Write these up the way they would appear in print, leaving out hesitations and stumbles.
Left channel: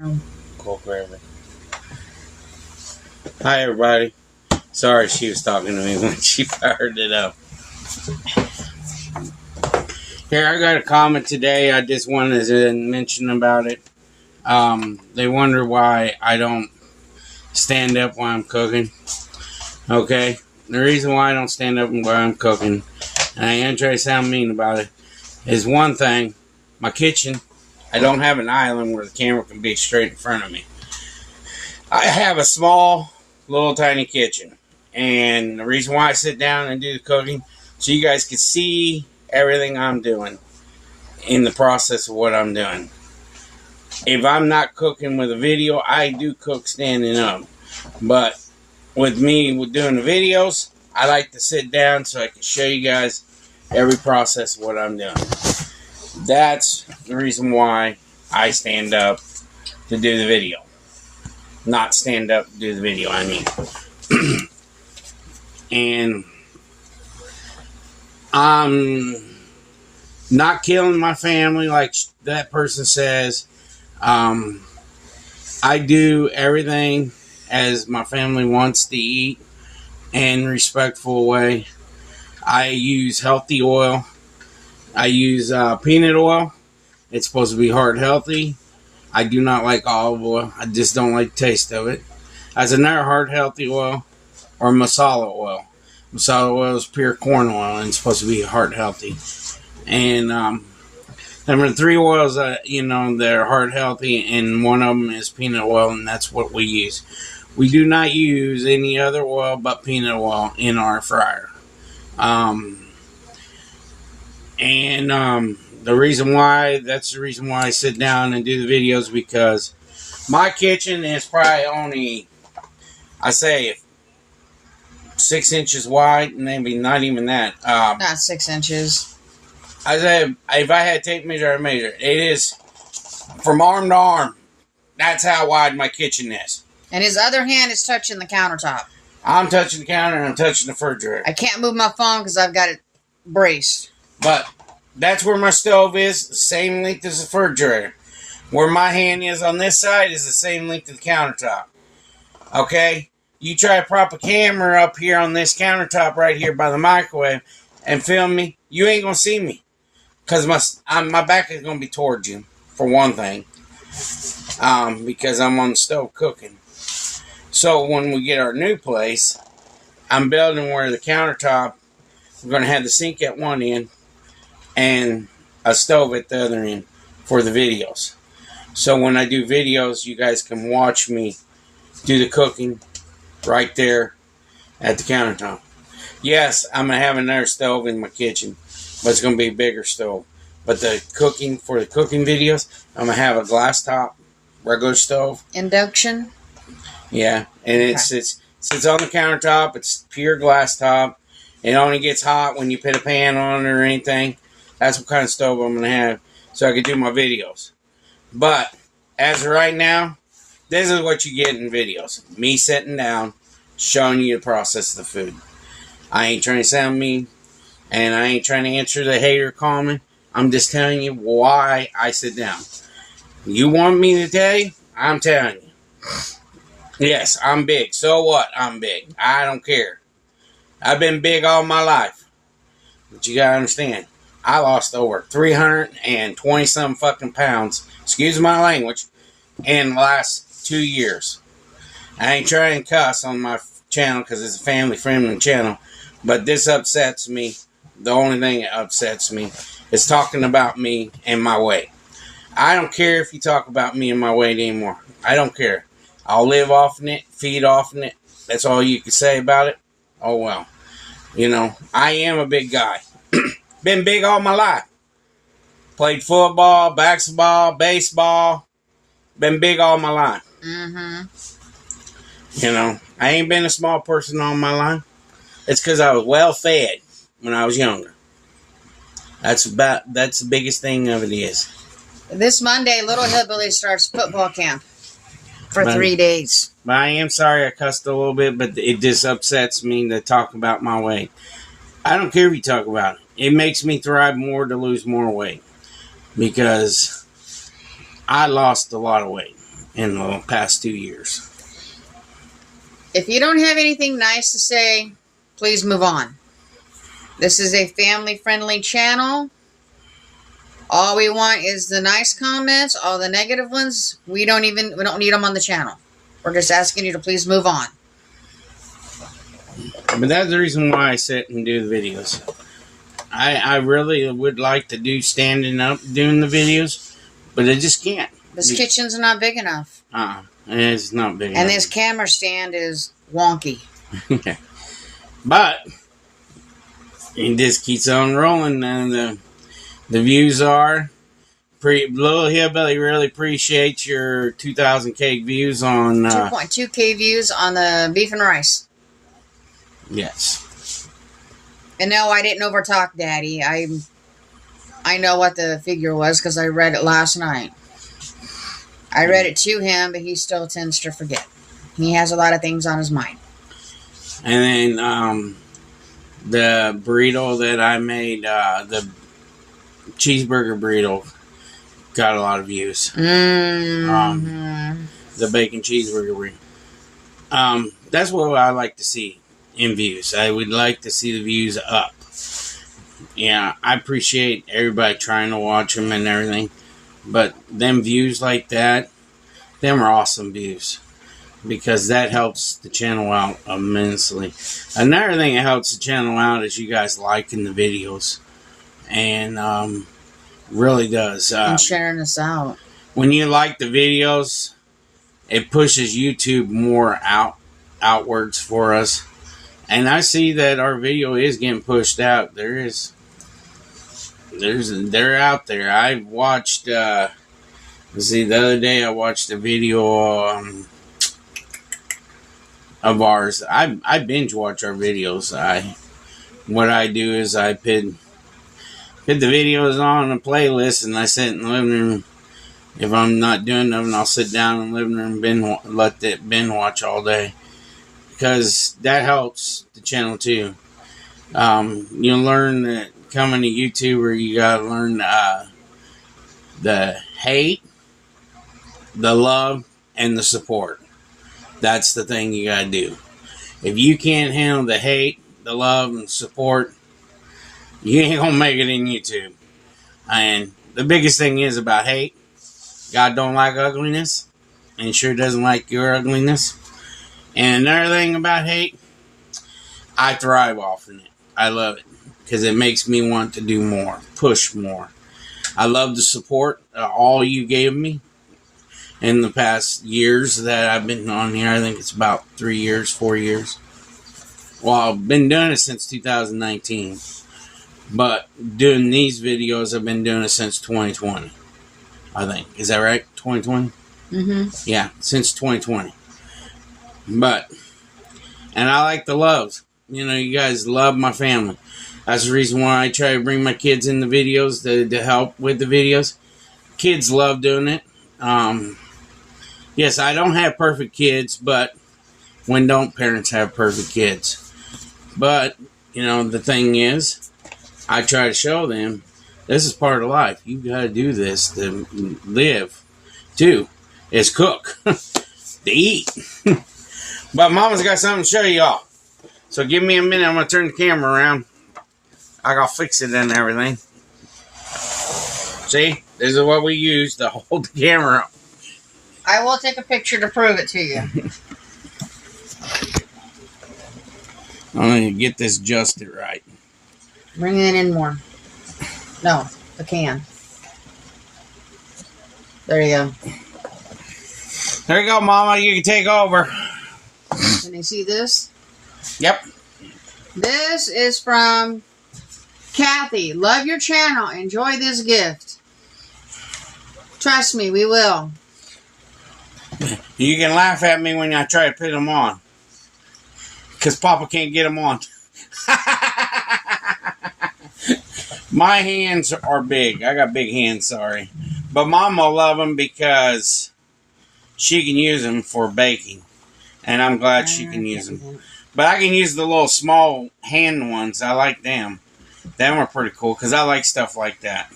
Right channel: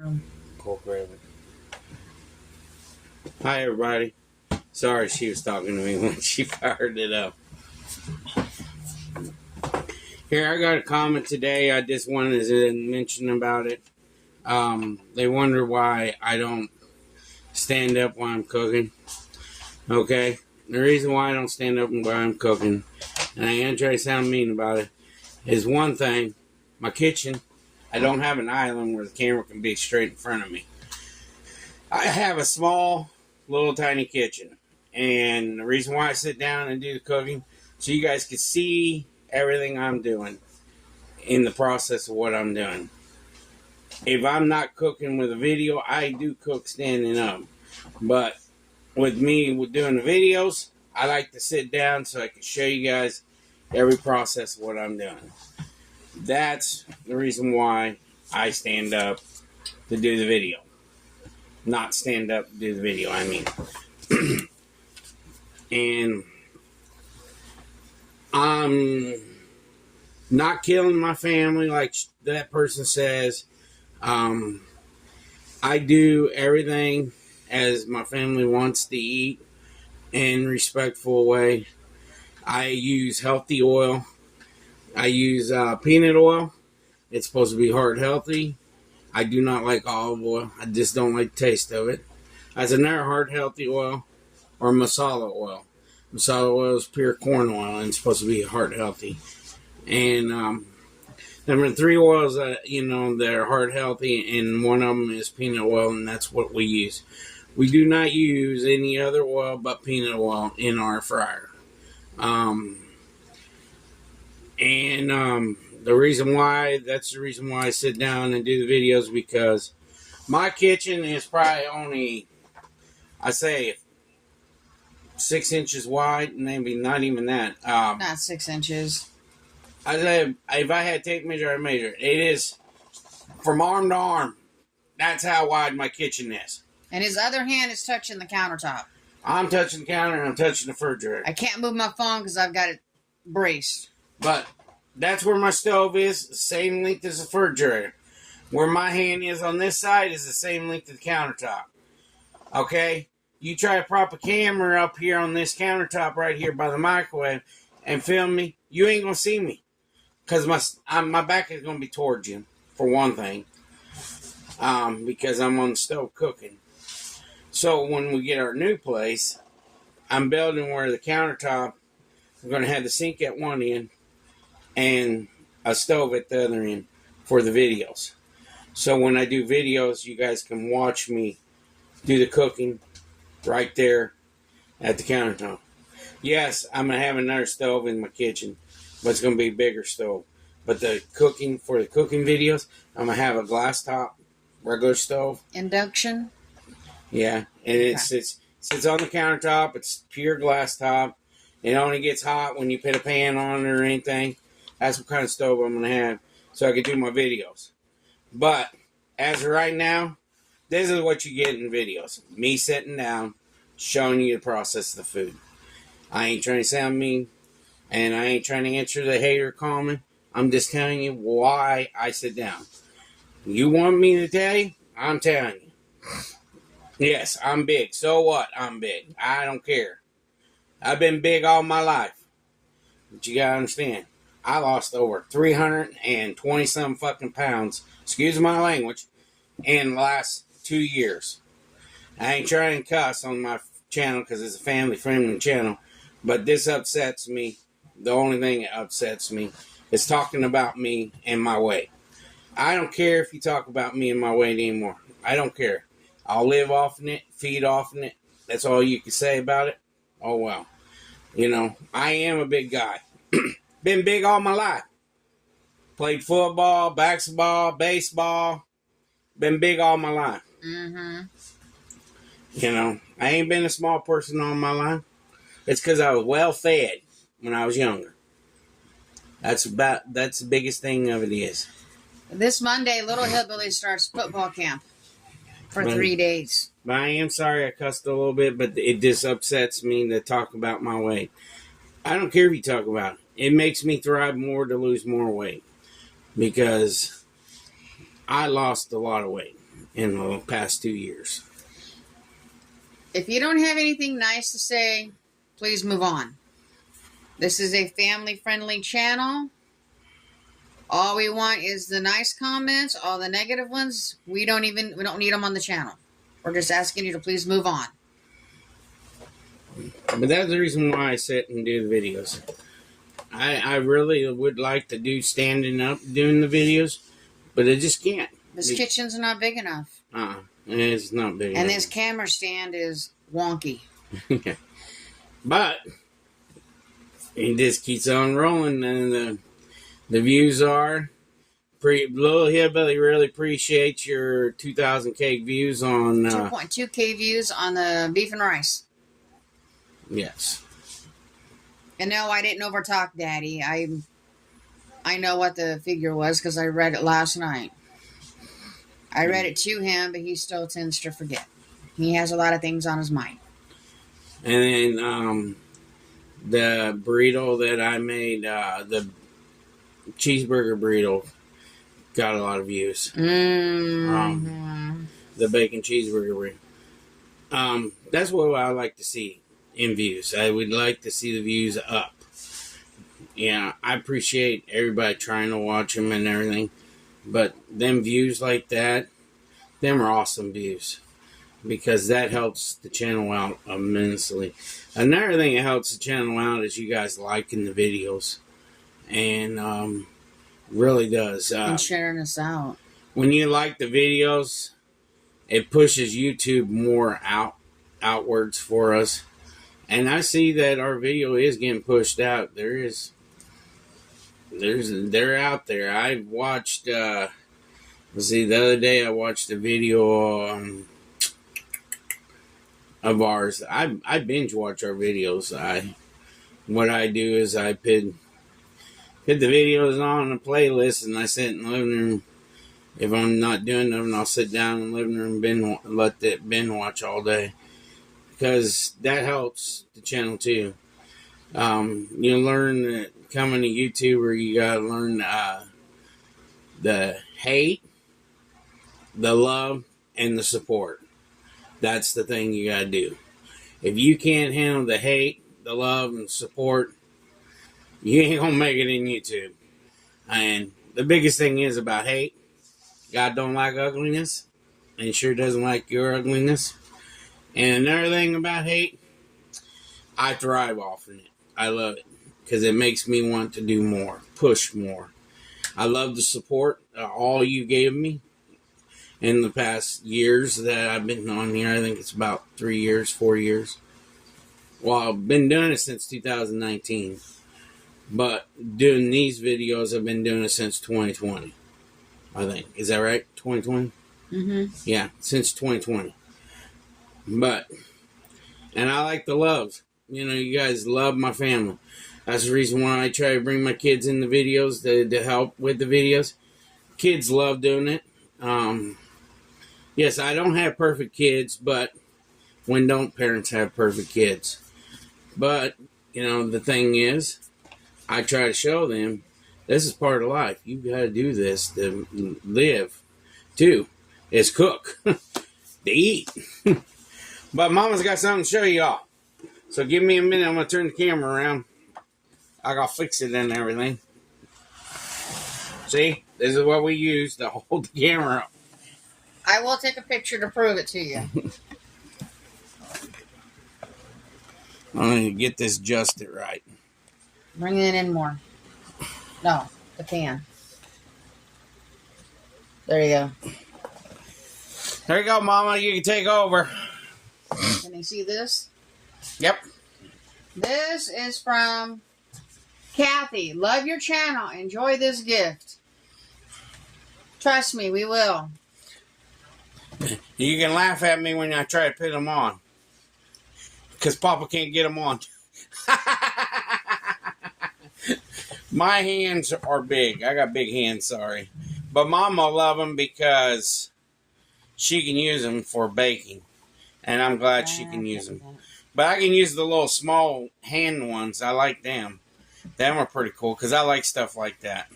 No. Cool forever. Hi, everybody. Sorry she was talking to me when she fired it up. Here, I got a comment today. I just wanted to mention about it. They wonder why I don't stand up while I'm cooking. Okay? The reason why I don't stand up while I'm cooking, and I ain't trying to sound mean about it, is one thing. My kitchen, I don't have an island where the camera can be straight in front of me. I have a small, little tiny kitchen. And the reason why I sit down and do the cooking, so you guys can see everything I'm doing in the process of what I'm doing. If I'm not cooking with a video, I do cook standing up. But with me with doing the videos, I like to sit down so I can show you guys every process of what I'm doing. That's the reason why I stand up to do the video. Not stand up to do the video, I mean. And I'm not killing my family like that person says. I do everything as my family wants to eat in a respectful way. I use healthy oil. I use peanut oil. It's supposed to be heart healthy. I do not like olive oil. I just don't like the taste of it. As another heart healthy oil or masala oil. Masala oil is pure corn oil and it's supposed to be heart healthy. And number 3 oils, they're heart healthy, and one of them is peanut oil, and that's what we use. We do not use any other oil but peanut oil in our fryer. The reason why I sit down and do the videos, because my kitchen is probably only, I say, 6 inches wide, maybe not even that. Not 6 inches. I say, if I had tape measure, I'd measure it. It is from arm to arm. That's how wide my kitchen is. And his other hand is touching the countertop. I'm touching the counter and I'm touching the refrigerator. I can't move my phone because I've got it braced. But that's where my stove is, the same length as the refrigerator. Where my hand is on this side is the same length as the countertop. Okay? You try to prop a camera up here on this countertop right here by the microwave and film me, you ain't going to see me. Because my back is going to be towards you, for one thing. Because I'm on the stove cooking. So when we get our new place, I'm building where the countertop, we're going to have the sink at one end and a stove at the other end for the videos. So when I do videos, you guys can watch me do the cooking right there at the countertop. Yes, I'm going to have another stove in my kitchen, but it's going to be a bigger stove. But for the cooking videos, I'm going to have a glass top, regular stove. Induction? Yeah, and it sits on the countertop. It's pure glass top. It only gets hot when you put a pan on it or anything. That's what kind of stove I'm going to have so I can do my videos. But as of right now, this is what you get in videos. Me sitting down, showing you the process of the food. I ain't trying to sound mean, and I ain't trying to answer the hater comment. I'm just telling you why I sit down. You want me to tell you? I'm telling you. Yes, I'm big. So what? I'm big. I don't care. I've been big all my life. But you gotta understand, I lost over 320-some fucking pounds, excuse my language, in the last 2 years. I ain't trying to cuss on my channel because it's a family-friendly channel, but this upsets me. The only thing that upsets me is talking about me and my weight. I don't care if you talk about me and my weight anymore. I don't care. I'll live off of it, feed off of it. That's all you can say about it. Oh, well. I am a big guy. Been big all my life. Played football, basketball, baseball. Been big all my life. Mm-hmm. I ain't been a small person all my life. It's because I was well fed when I was younger. That's the biggest thing of it is. This Monday, Little Hillbilly starts football camp for 3 days. But I am sorry I cussed a little bit, but it just upsets me to talk about my weight. I don't care if you talk about it. It makes me thrive more to lose more weight. Because I lost a lot of weight. in the past 2 years. If you don't have anything nice to say, please move on. This is a family-friendly channel. All we want is the nice comments. All the negative ones, we don't need them on the channel. We're just asking you to please move on. But that's the reason why I sit and do the videos. I really would like to do standing up doing the videos, but I just can't. This kitchen's not big enough. It's not big enough. And this camera stand is wonky. But it just keeps on rolling, and the views are Little Hillbilly really appreciates your 2,000K views on 2.2K views on the beef and rice. Yes. And no, I didn't overtalk Daddy. I know what the figure was because I read it last night. I read it to him, but he still tends to forget. He has a lot of things on his mind. And then the burrito that I made, the cheeseburger burrito, got a lot of views. Mm-hmm. The bacon cheeseburger burrito. That's what I like to see in views. I would like to see the views up. Yeah, I appreciate everybody trying to watch them and everything. But them views like that, them are awesome views. Because that helps the channel out immensely. Another thing that helps the channel out is you guys liking the videos. And really does. And sharing us out. When you like the videos, it pushes YouTube more outwards for us. And I see that our video is getting pushed out. They're out there. I watched, the other day I watched a video of ours. I binge watch our videos. What I do is I put the videos on a playlist and I sit in the living room. If I'm not doing nothing, I'll sit down in the living room and let that binge watch all day. Because that helps the channel too. You learn that coming to YouTuber, you gotta learn the hate, the love, and the support. That's the thing you gotta do. If you can't handle the hate, the love, and support, you ain't gonna make it in YouTube. And the biggest thing is about hate, God don't like ugliness, and sure doesn't like your ugliness. And another thing about hate, I thrive off of it. I love it because it makes me want to do more, push more. I love the support all you gave me in the past years that I've been on here. I think it's about 3 years, 4 years. Well, I've been doing it since 2019. But doing these videos, I've been doing it since 2020. I think. Is that right? 2020? Mm-hmm. Yeah, since 2020. And I like the love. You know, you guys love my family. That's the reason why I try to bring my kids in the videos to help with the videos. Kids love doing it. Yes, I don't have perfect kids, but when don't parents have perfect kids? But, you know, the thing is, I try to show them this is part of life. You got to do this to live, too. Is cook, to eat. But Mama's got something to show y'all. So give me a minute. I'm going to turn the camera around. I got to fix it and everything. See? This is what we use to hold the camera up. I will take a picture to prove it to you. I'm going to get this adjusted right. Bring it in more. No, the can. There you go. There you go, Mama. You can take over. Can you see this? Yep. This is from Kathy. Love your channel. Enjoy this gift. Trust me, we will. You can laugh at me when I try to put them on. Because Papa can't get them on. My hands are big. I got big hands, sorry. But Mama love them because she can use them for baking. And I'm glad she can use them. But I can use the little small hand ones. I like them. Them are pretty cool because I like stuff like that.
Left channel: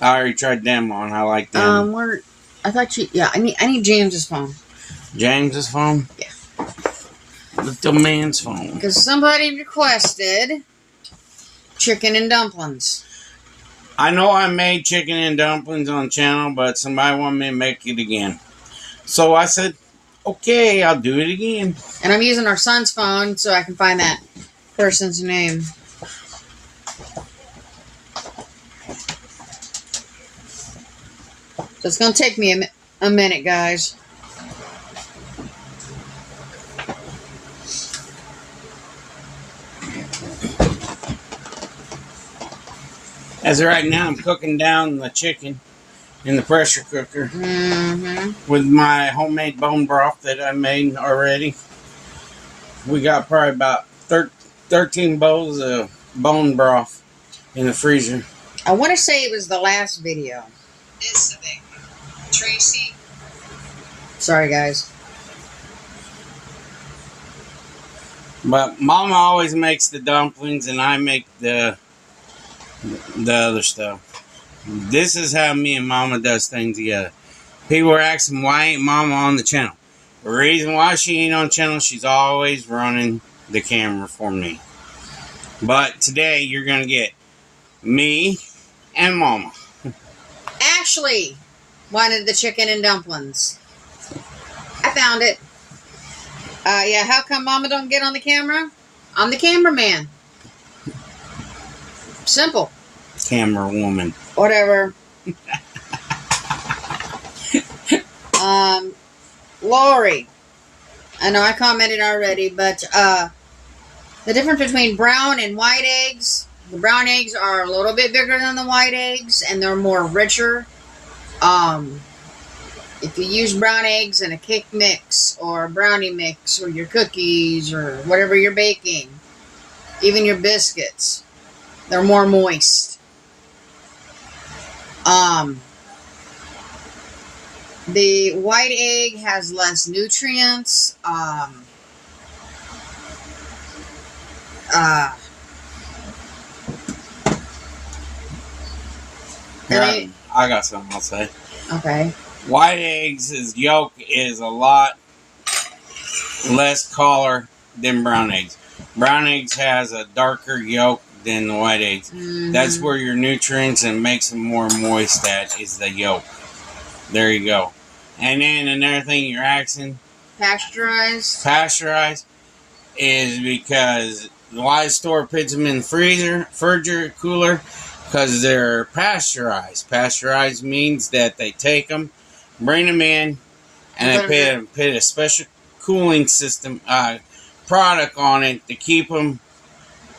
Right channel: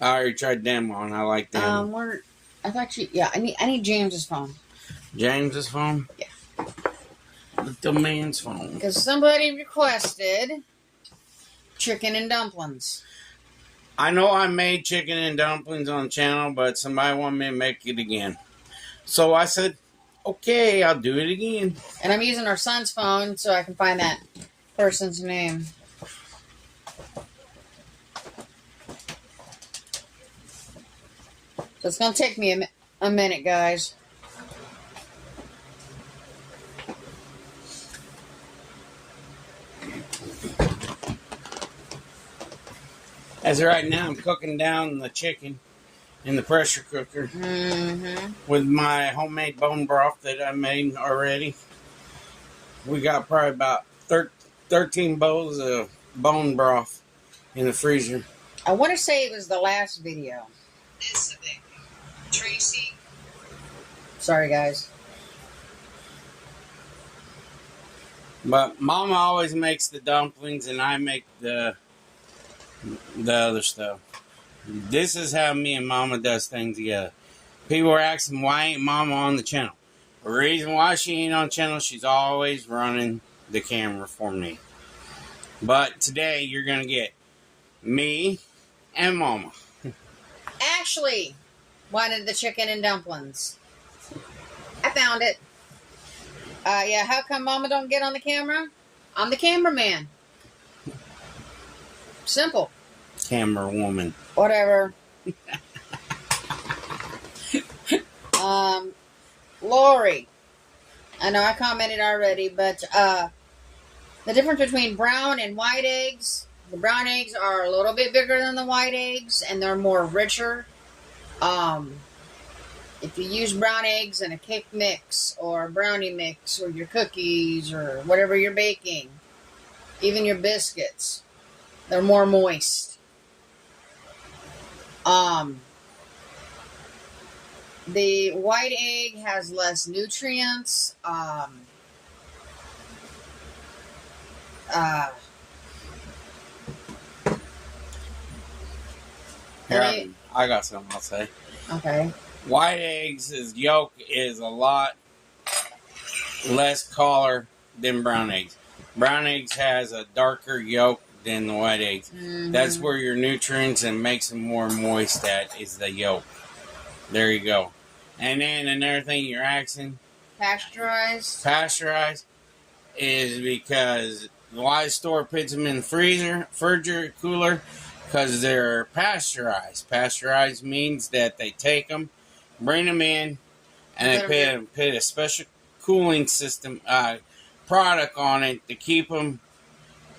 I already tried them on. I like them. I thought you. Yeah, I need James's phone. James's phone? Yeah. Little man's phone. Because somebody requested chicken and dumplings. I know I made chicken and dumplings on the channel, but somebody wanted me to make it again. So I said, okay, I'll do it again. And I'm using our son's phone so I can find that person's name. So it's going to take me a minute, guys. As of right now, I'm cooking down the chicken in the pressure cooker with my homemade bone broth that I made already. We got probably about 13 bowls of bone broth in the freezer. I want to say it was the last video. This thing. Tracy. Sorry, guys. But Mama always makes the dumplings and I make the other stuff. This is how me and Mama does things together. People are asking, why ain't Mama on the channel? The reason why she ain't on the channel, she's always running the camera for me. But today, you're going to get me and Mama. Ashley wanted the chicken and dumplings. I found it. Yeah, how come Mama don't get on the camera? I'm the cameraman. Simple. Camera woman. Whatever. Lori. I know I commented already, but the difference between brown and white eggs, the brown eggs are a little bit bigger than the white eggs, and they're more richer. If you use brown eggs in a cake mix, or a brownie mix, or your cookies, or whatever you're baking, even your biscuits, they're more moist. The white egg has less nutrients. I got something I'll say. Okay. White eggs' yolk is a lot less color than brown eggs. Brown eggs has a darker yolk than the white eggs. That's where your nutrients and makes them more moist at is the yolk. There you go. And then another thing you're asking, pasteurized is because why store puts them in the freezer, cooler, because they're pasteurized. Pasteurized means that they take them, bring them in, and they put a special cooling system product on it to keep them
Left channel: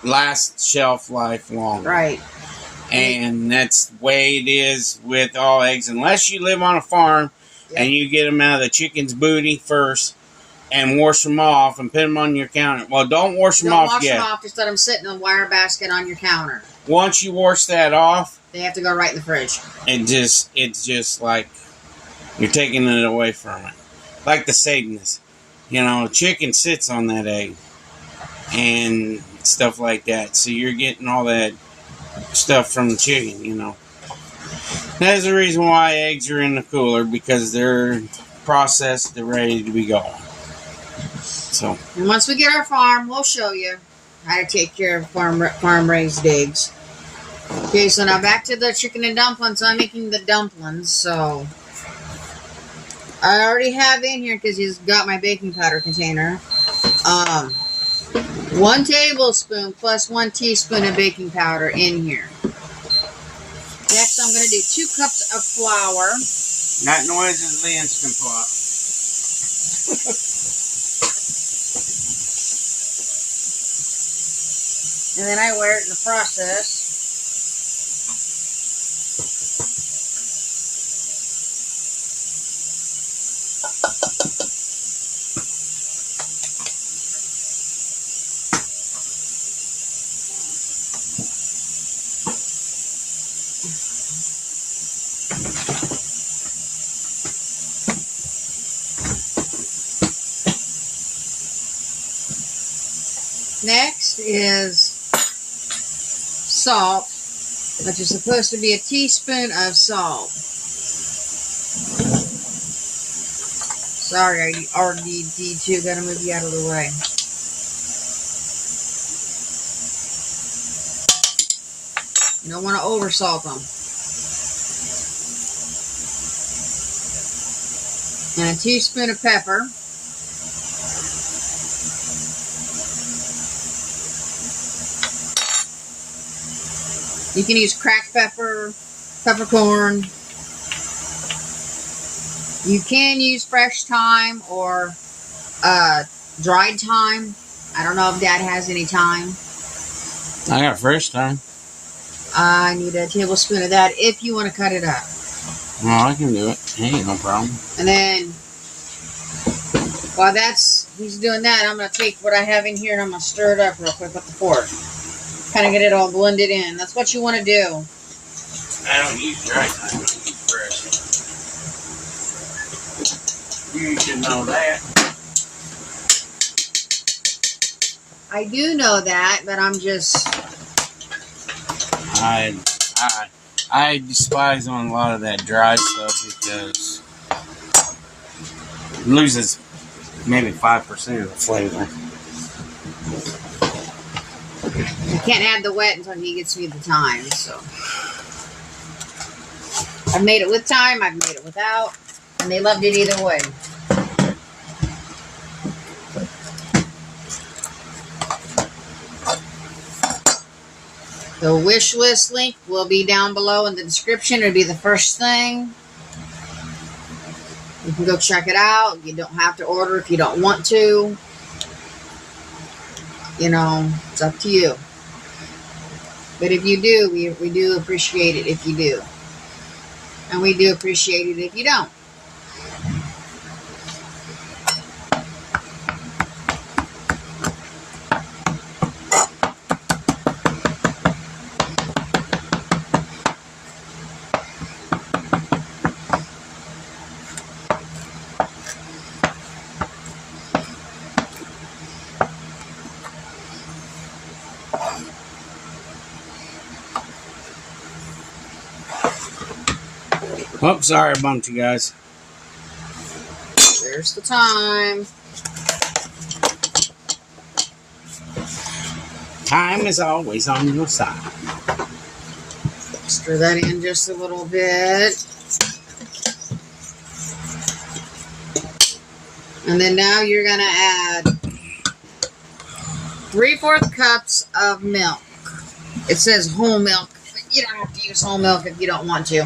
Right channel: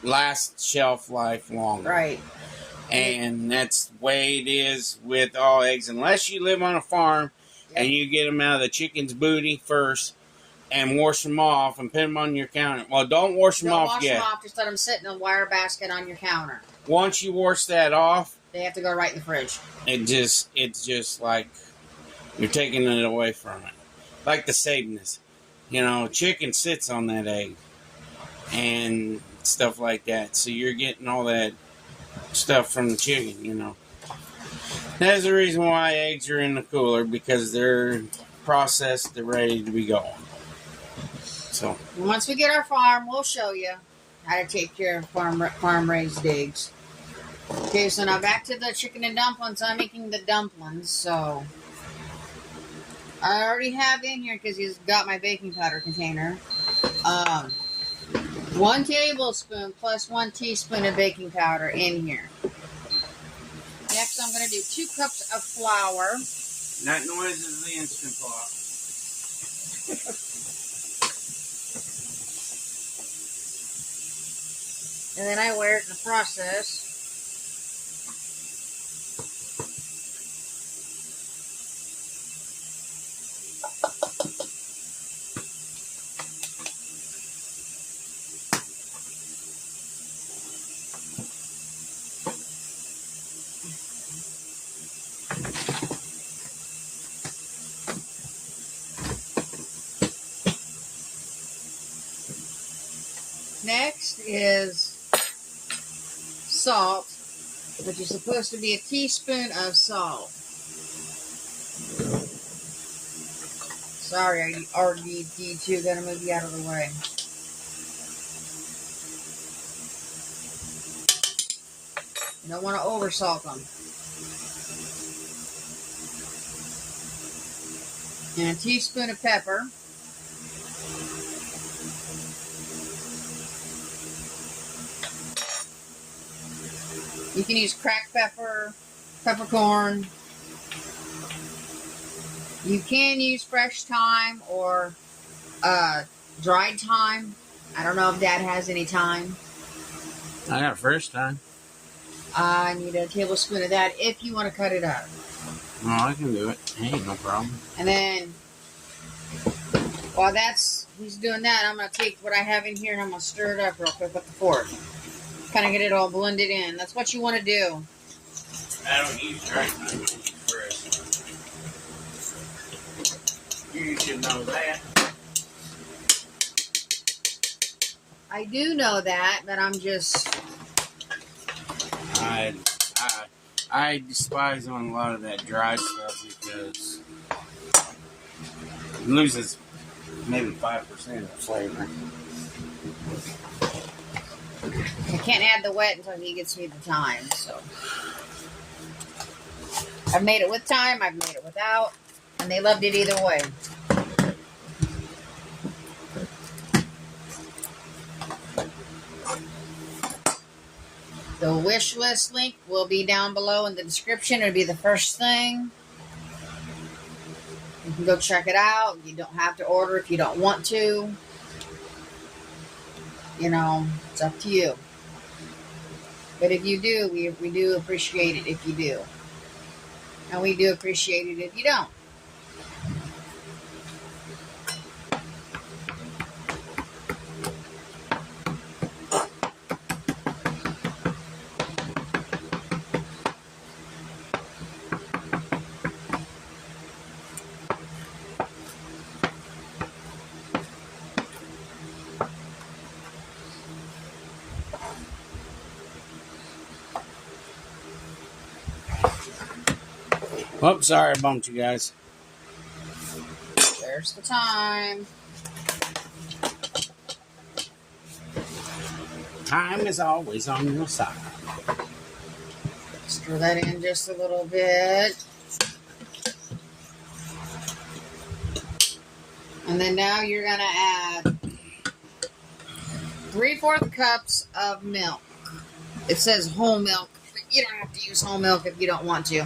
last shelf life longer. Right. And that's the way it is with all eggs. Unless you live on a farm and you get them out of the chicken's booty first and wash them off and put them on your counter. Well, don't wash them off yet. Don't wash them off. Just let them sit in a wire basket on your counter. Once you wash that off, they have to go right in the fridge. It's just like you're taking it away from it. Like the sameness. You know, chicken sits on that egg. And stuff like that. So you're getting all that stuff from the chicken, you know. That's the reason why eggs are in the cooler, because they're processed, they're ready to be going. So, and once we get our farm, we'll show you how to take care of farm-raised eggs. Okay, so now back to the chicken and dumplings. I'm making the dumplings, so I already have in here, because he's got my baking powder container. 1 tablespoon plus 1 teaspoon of baking powder in here. Next, I'm going to do 2 cups of flour. That noise is the Instant Pot. And then I wear it in the process. Next is salt, which is supposed to be a teaspoon of salt. Sorry, RDD2, gotta move you out of the way. You don't want to oversalt them. And a teaspoon of pepper. You can use cracked pepper, peppercorn. You can use fresh thyme or dried thyme. I don't know if Dad has any thyme. I got fresh thyme. I need a tablespoon of that if you want to cut it up. Well, I can do it. Ain't no problem. And then, while he's doing that, I'm going to take what I have in here and I'm going to stir it up real quick with the fork. Kind of get it all blended in. That's what you want to do. I don't use dry thyme. I use fresh. You should know that. I do know that, but I'm just... I despise on a lot of that dry stuff because it loses maybe 5% of the flavor. You can't add the wet until he gets me the thyme, so. I've made it with thyme, I've made it without, and they loved it either way. The wish list link will be down below in the description. It'll be the first thing. You can go check it out. You don't have to order if you don't want to. You know, it's up to you. But if you do, we do appreciate it if you do. And we do appreciate it if you don't. Oh, sorry I bumped you guys. There's the thyme. Time is always on your side. Stir that in just a little bit. And then now you're going to add 3/4 cups of milk. It says whole milk. You don't have to use whole milk if you don't want to.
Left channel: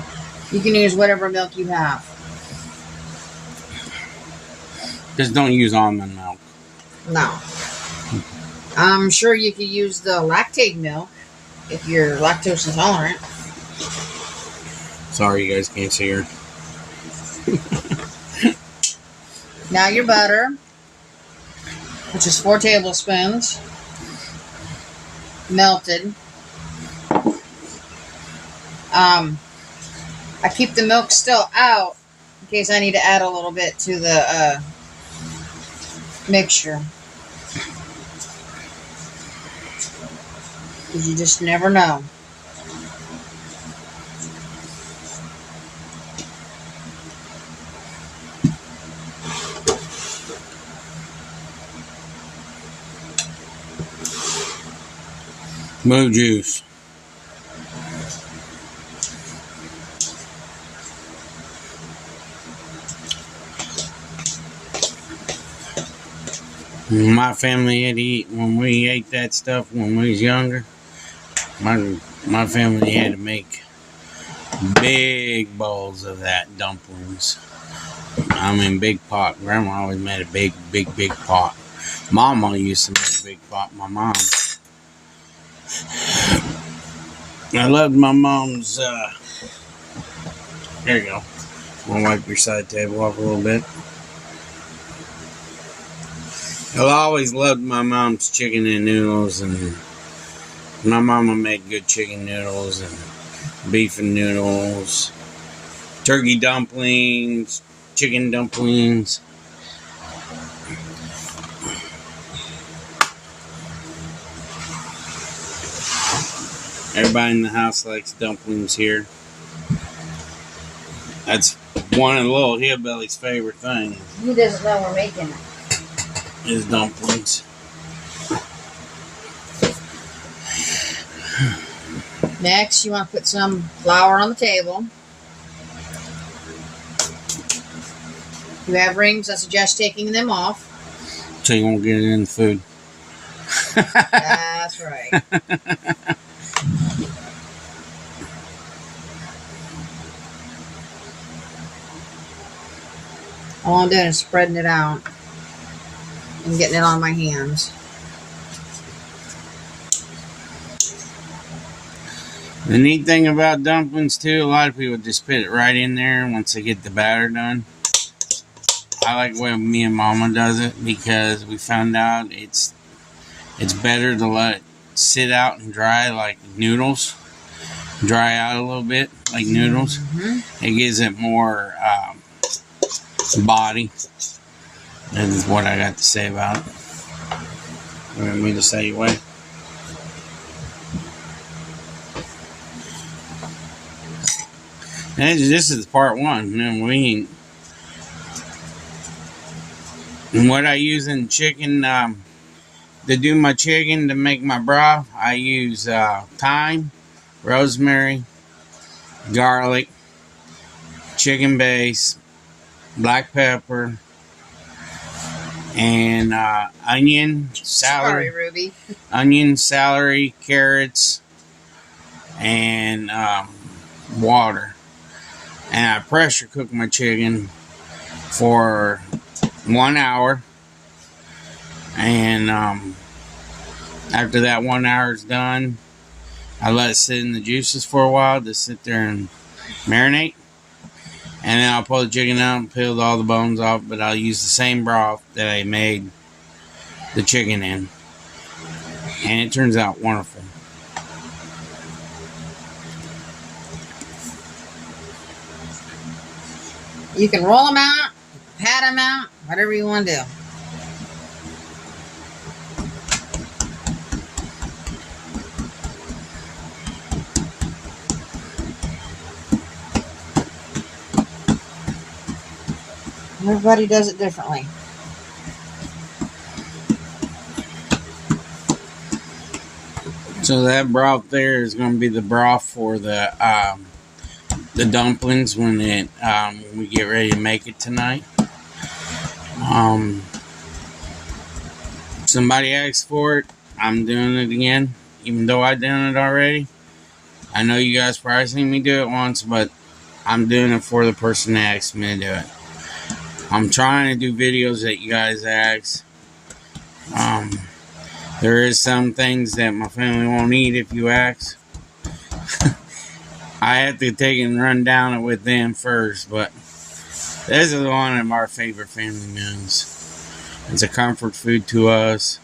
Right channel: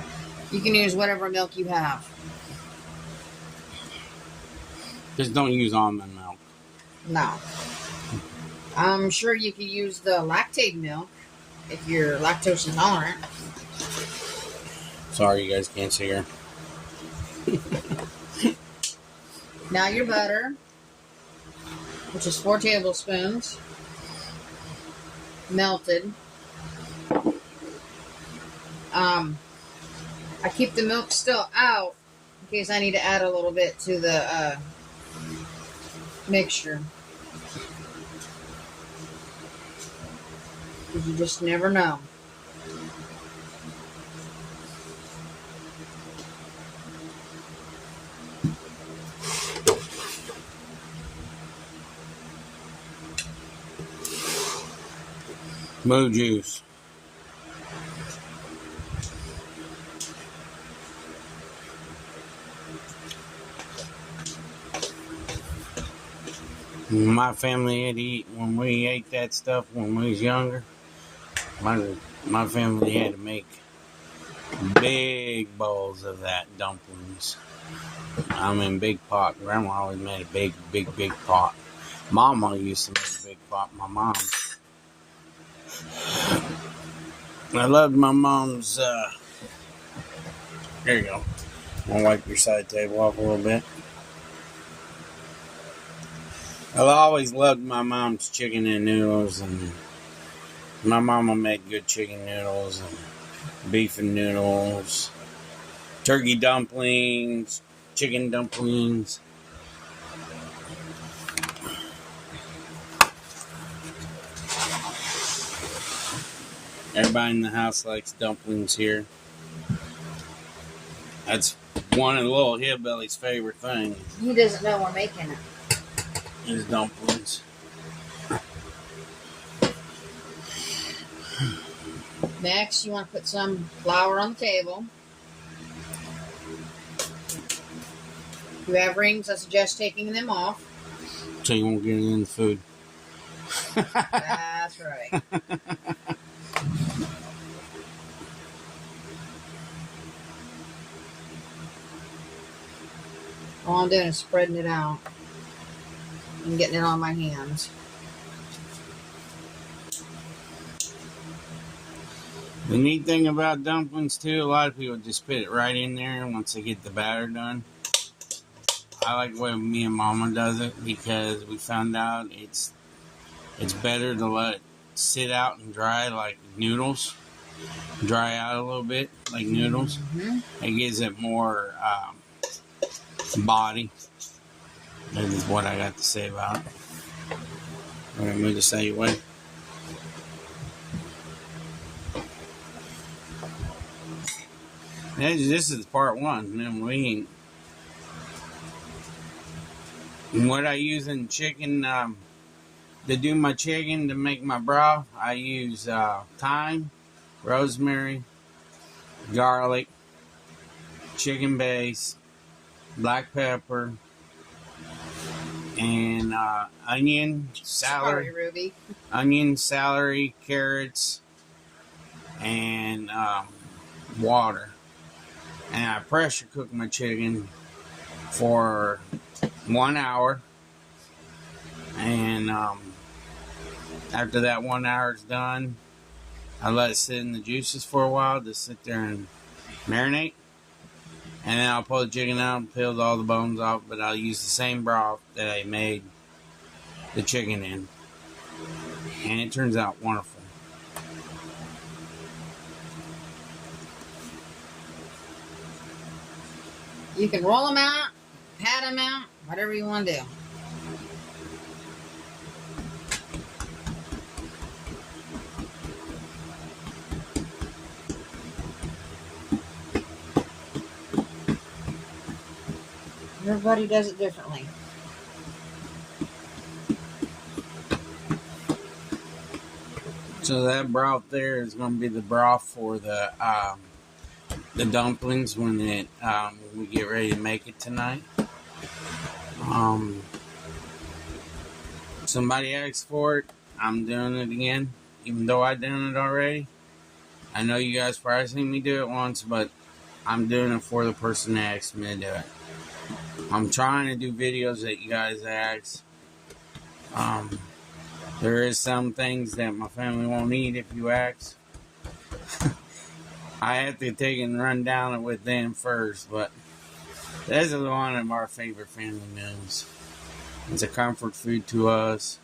You can use whatever milk you have. Just don't use almond milk. No. I'm sure you could use the lactate milk if you're lactose intolerant. Sorry you guys can't see her. Now your butter, which is 4 tablespoons, melted. I keep the milk still out in case I need to add a little bit to the mixture. Because you just never know. Moo juice. My family had to eat when we ate that stuff when we was younger. My family had to make big bowls of that dumplings. I mean, big pot. Grandma always made a big pot. Mama used to make a big pot. My mom. I loved my mom's. There you go. I'll wipe your side table off a little bit. I always loved my mom's chicken and noodles, and my mama made good chicken noodles and beef and noodles, turkey dumplings, chicken dumplings. Everybody in the house likes dumplings here. That's one of the little hillbilly's favorite things. He doesn't know we're making it. Is dumplings. Next, you want to put some flour on the table. If you have rings, I suggest taking them off. So you won't get it in the food. That's right. All I'm doing is spreading it out and getting it on my hands. The neat thing about dumplings too, a lot of people just put it right in there once they get the batter done. I like the way me and Mama does it because we found out it's better to let it sit out and dry like noodles. Dry out a little bit like noodles. Mm-hmm. It gives it more body. That is what I got to say about it. You want me to say what? This is part one. And what I use in chicken, to do my chicken, to make my broth, I use thyme, rosemary, garlic, chicken base, black pepper, and onion, celery. Sorry, Ruby. Onion, celery, carrots, and water. And I pressure cook my chicken for 1 hour. And after that 1 hour is done, I let it sit in the juices for a while to sit there and marinate. And then I'll pull the chicken out and peel all the bones off, but I'll use the same broth that I made the chicken in. And it turns out wonderful. You can roll them out, pat them out, whatever you want to do. Everybody does it differently. So that broth there is going to be the broth for the dumplings when we get ready to make it tonight. Somebody asked for it. I'm doing it again, even though I've done it already. I know you guys probably seen me do it once, but I'm doing it for the person that asked me to do it. I'm trying to do videos that you guys ask. There is some things that my family won't eat if you ask. I have to take and run down it with them first, but this is one of our favorite family meals. It's a comfort food to us.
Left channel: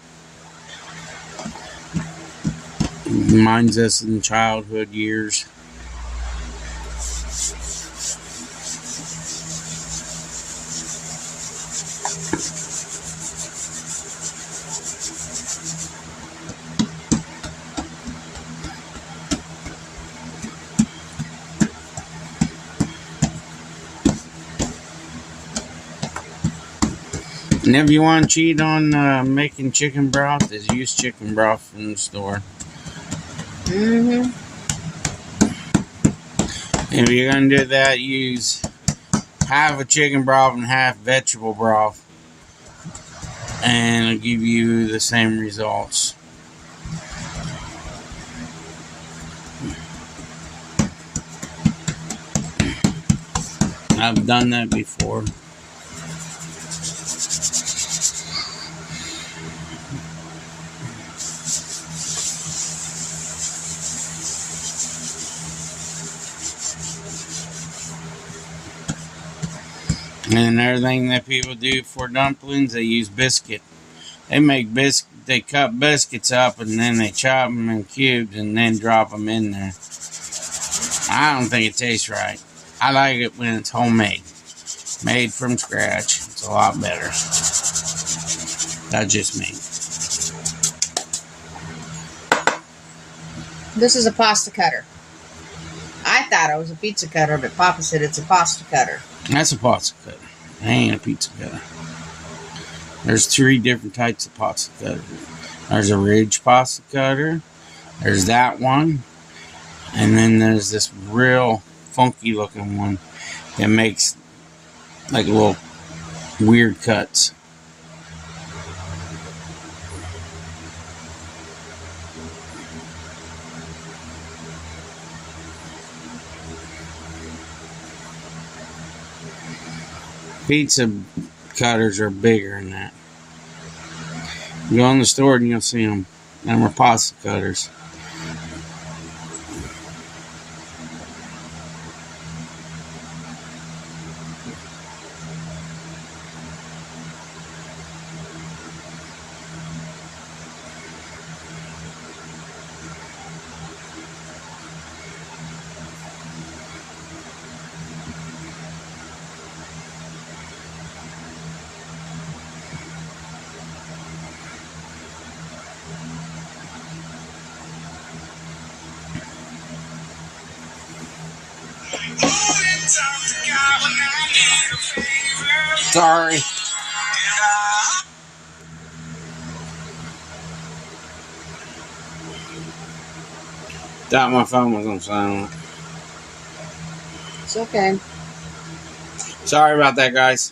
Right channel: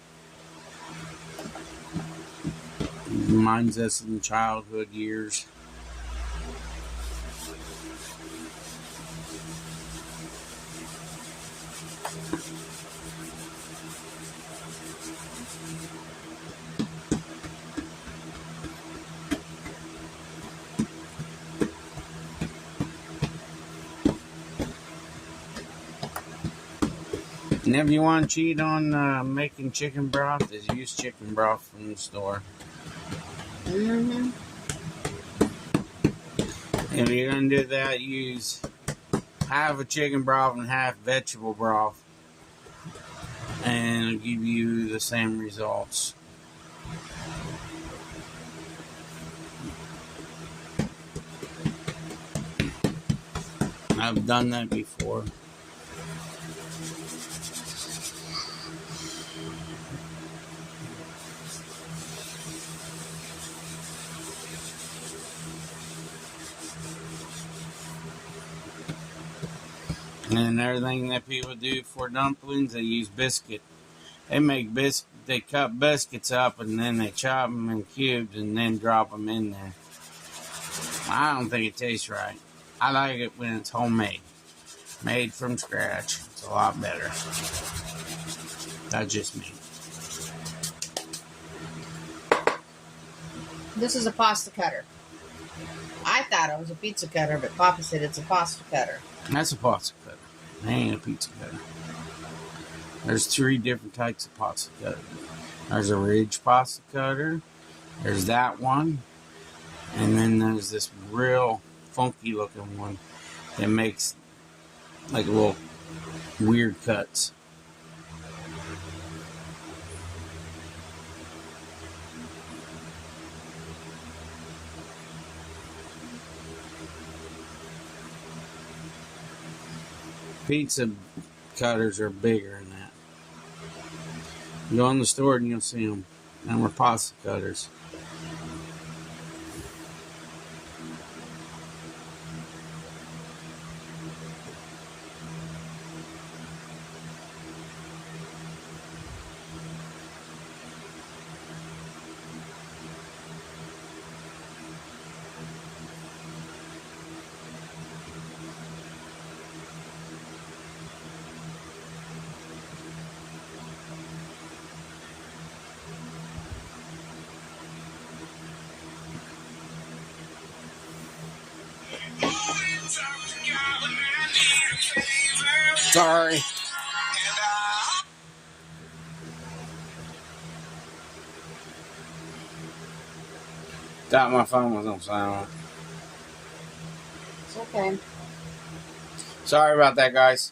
It reminds us in childhood years. And if you want to cheat on making chicken broth, is use chicken broth from the store. Mm-hmm. If you're going to do that, use half a chicken broth and half vegetable broth. And it'll give you the same results. I've done that before. And another thing that people do for dumplings, they use biscuit. They make they cut biscuits up and then they chop them in cubes and then drop them in there. I don't think it tastes right. I like it when it's homemade, made from scratch. It's a lot better. That's just me. This is a pasta cutter. I thought it was a pizza cutter, but Papa said it's a pasta cutter. That's a pasta cutter. That ain't a pizza cutter. There's 3 different types of pasta cutter. There's a ridge pasta cutter. There's that one. And then there's this real funky looking one that makes like little weird cuts. Pizza cutters are bigger than that. You go in the store and you'll see them. Them are pasta cutters. Sorry. Thought my phone was on silent. It's okay. Sorry about that, guys.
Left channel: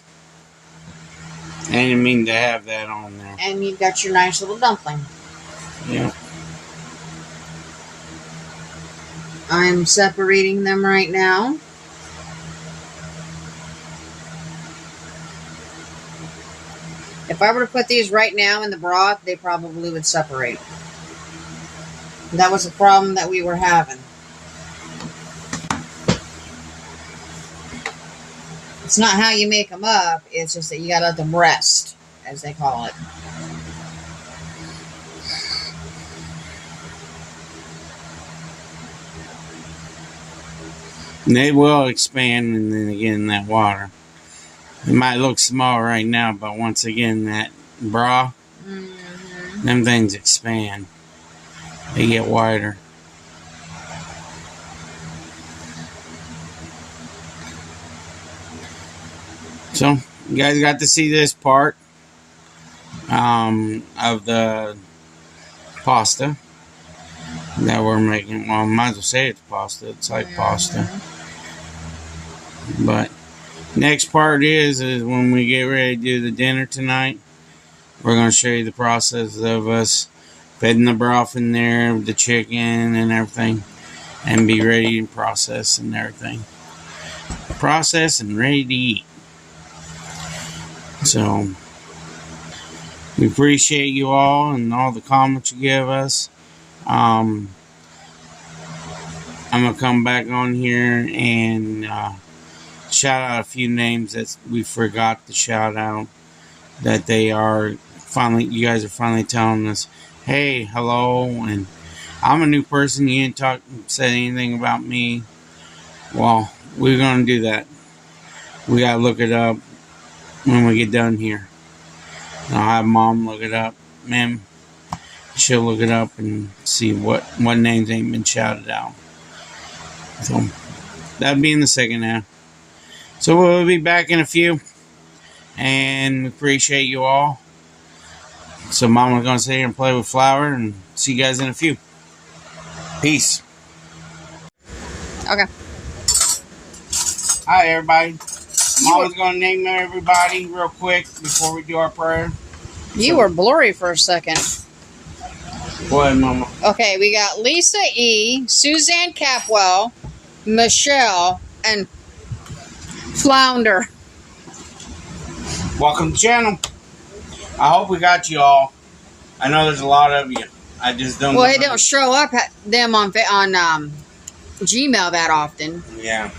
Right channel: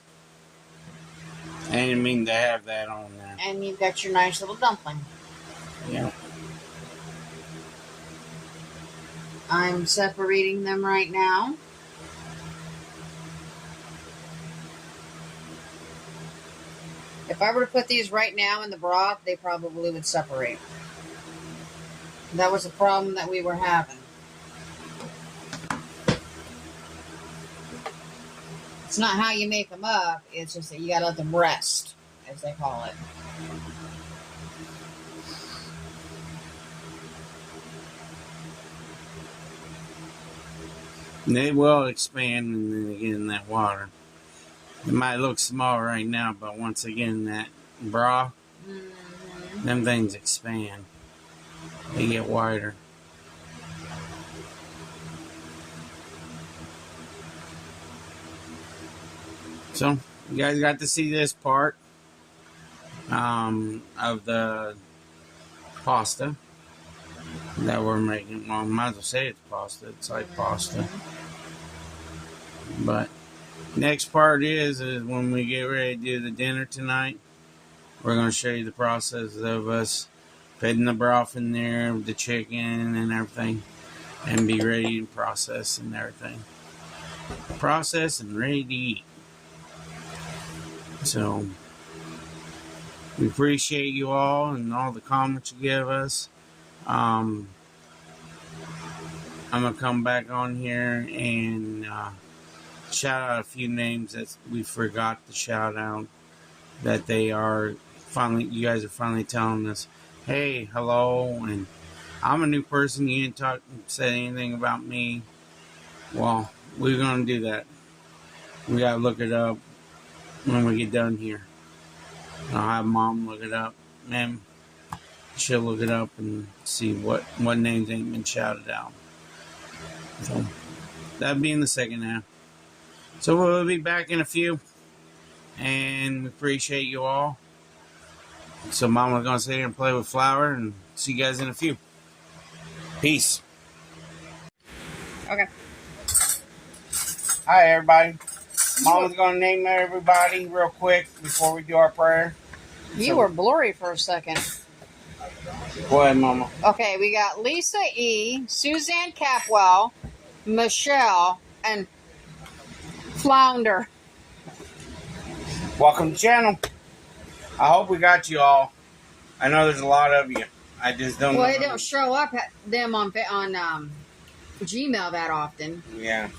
I didn't mean to have that on there. And you've got your nice little dumpling. Yeah. I'm separating them right now. If I were to put these right now in the broth, they probably would separate. That was a problem that we were having. It's not how you make them up, it's just that you gotta let them rest, as they call it. And they will expand, and then again in that water. It might look small right now, but once again, that broth, them things expand. They get wider. So, you guys got to see this part of the pasta that we're making. Well, I might as well say it's pasta. It's like pasta. But next part is when we get ready to do the dinner tonight. We're going to show you the process of us putting the broth in there, the chicken and everything, and be ready to process and everything. Process and ready to eat. So, we appreciate you all and all the comments you give us. I'm going to come back on here and shout out a few names that we forgot to shout out, that they are finally, you guys are finally telling us, hey, hello, and I'm a new person, you didn't say anything about me. Well, we're going to do that. We got to look it up when we get done here. And I'll have Mom look it up. Ma'am, she'll look it up and see what names ain't been shouted out. So, that'll be in the second half. So we'll be back in a few, and we appreciate you all. So Mama's going to sit here and play with flour, and see you guys in a few. Peace. Okay. Hi, everybody. Mama's going to name everybody real quick before we do our prayer. You were blurry for a second. Go ahead, Mama. Okay, we got Lisa E., Suzanne Capwell, Michelle, and Flounder. Welcome to the channel. I hope we got you all. I know there's a lot of you. I just don't. Well, it don't show up them on Gmail that often. Yeah.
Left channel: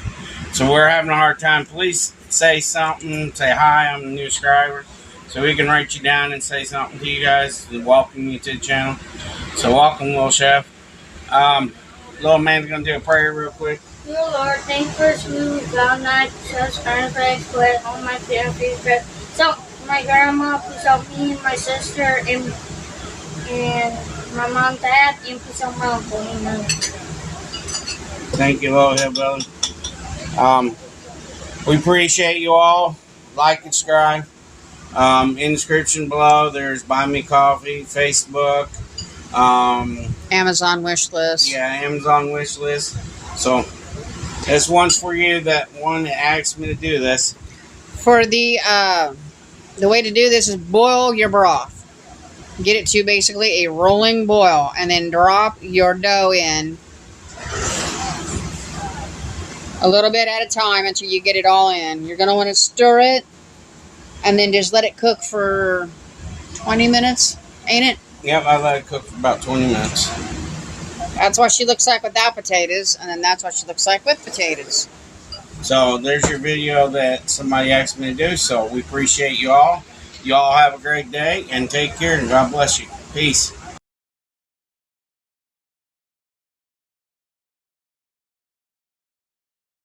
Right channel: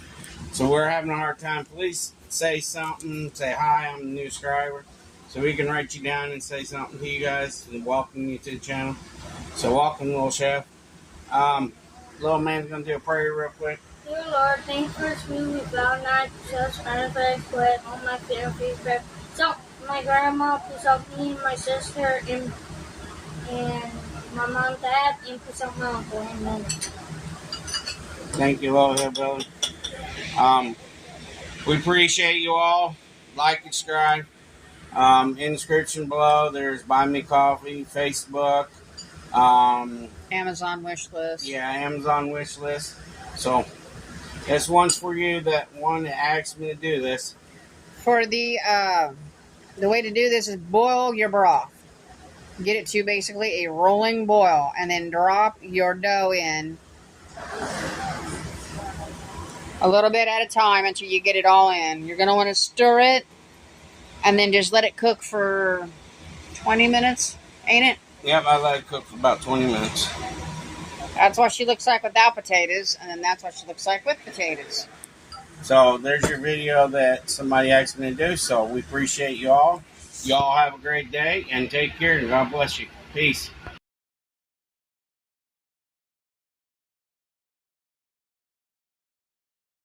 So we're having a hard time. Please say something. Say hi. I'm a new subscriber, so we can write you down and say something to you guys and welcome you to the channel. So welcome, little chef. Little man's gonna do a prayer real quick. Dear Lord, thank you for smooth, found night, such earnestness, with all my family, so my grandma, please help me, my sister, and my mom, dad, and please help my uncle. Amen. Thank you, Low Hillbilly. We appreciate you all. Like and subscribe. In the description below, there's Buy Me Coffee, Facebook, Amazon wish list. yeah, Amazon wish list. So this one's for you. That one that asked me to do this. For the way to do this is boil your broth. Get it to basically a rolling boil, and then drop your dough in a little bit at a time until you get it all in. You're gonna want to stir it, and then just let it cook for 20 minutes, ain't it? Yep, I let it cook for about 20 minutes. That's what she looks like without potatoes, and then that's what she looks like with potatoes. So there's your video that somebody asked me to do. So we appreciate you all. You all have a great day and take care, and God bless you. Peace.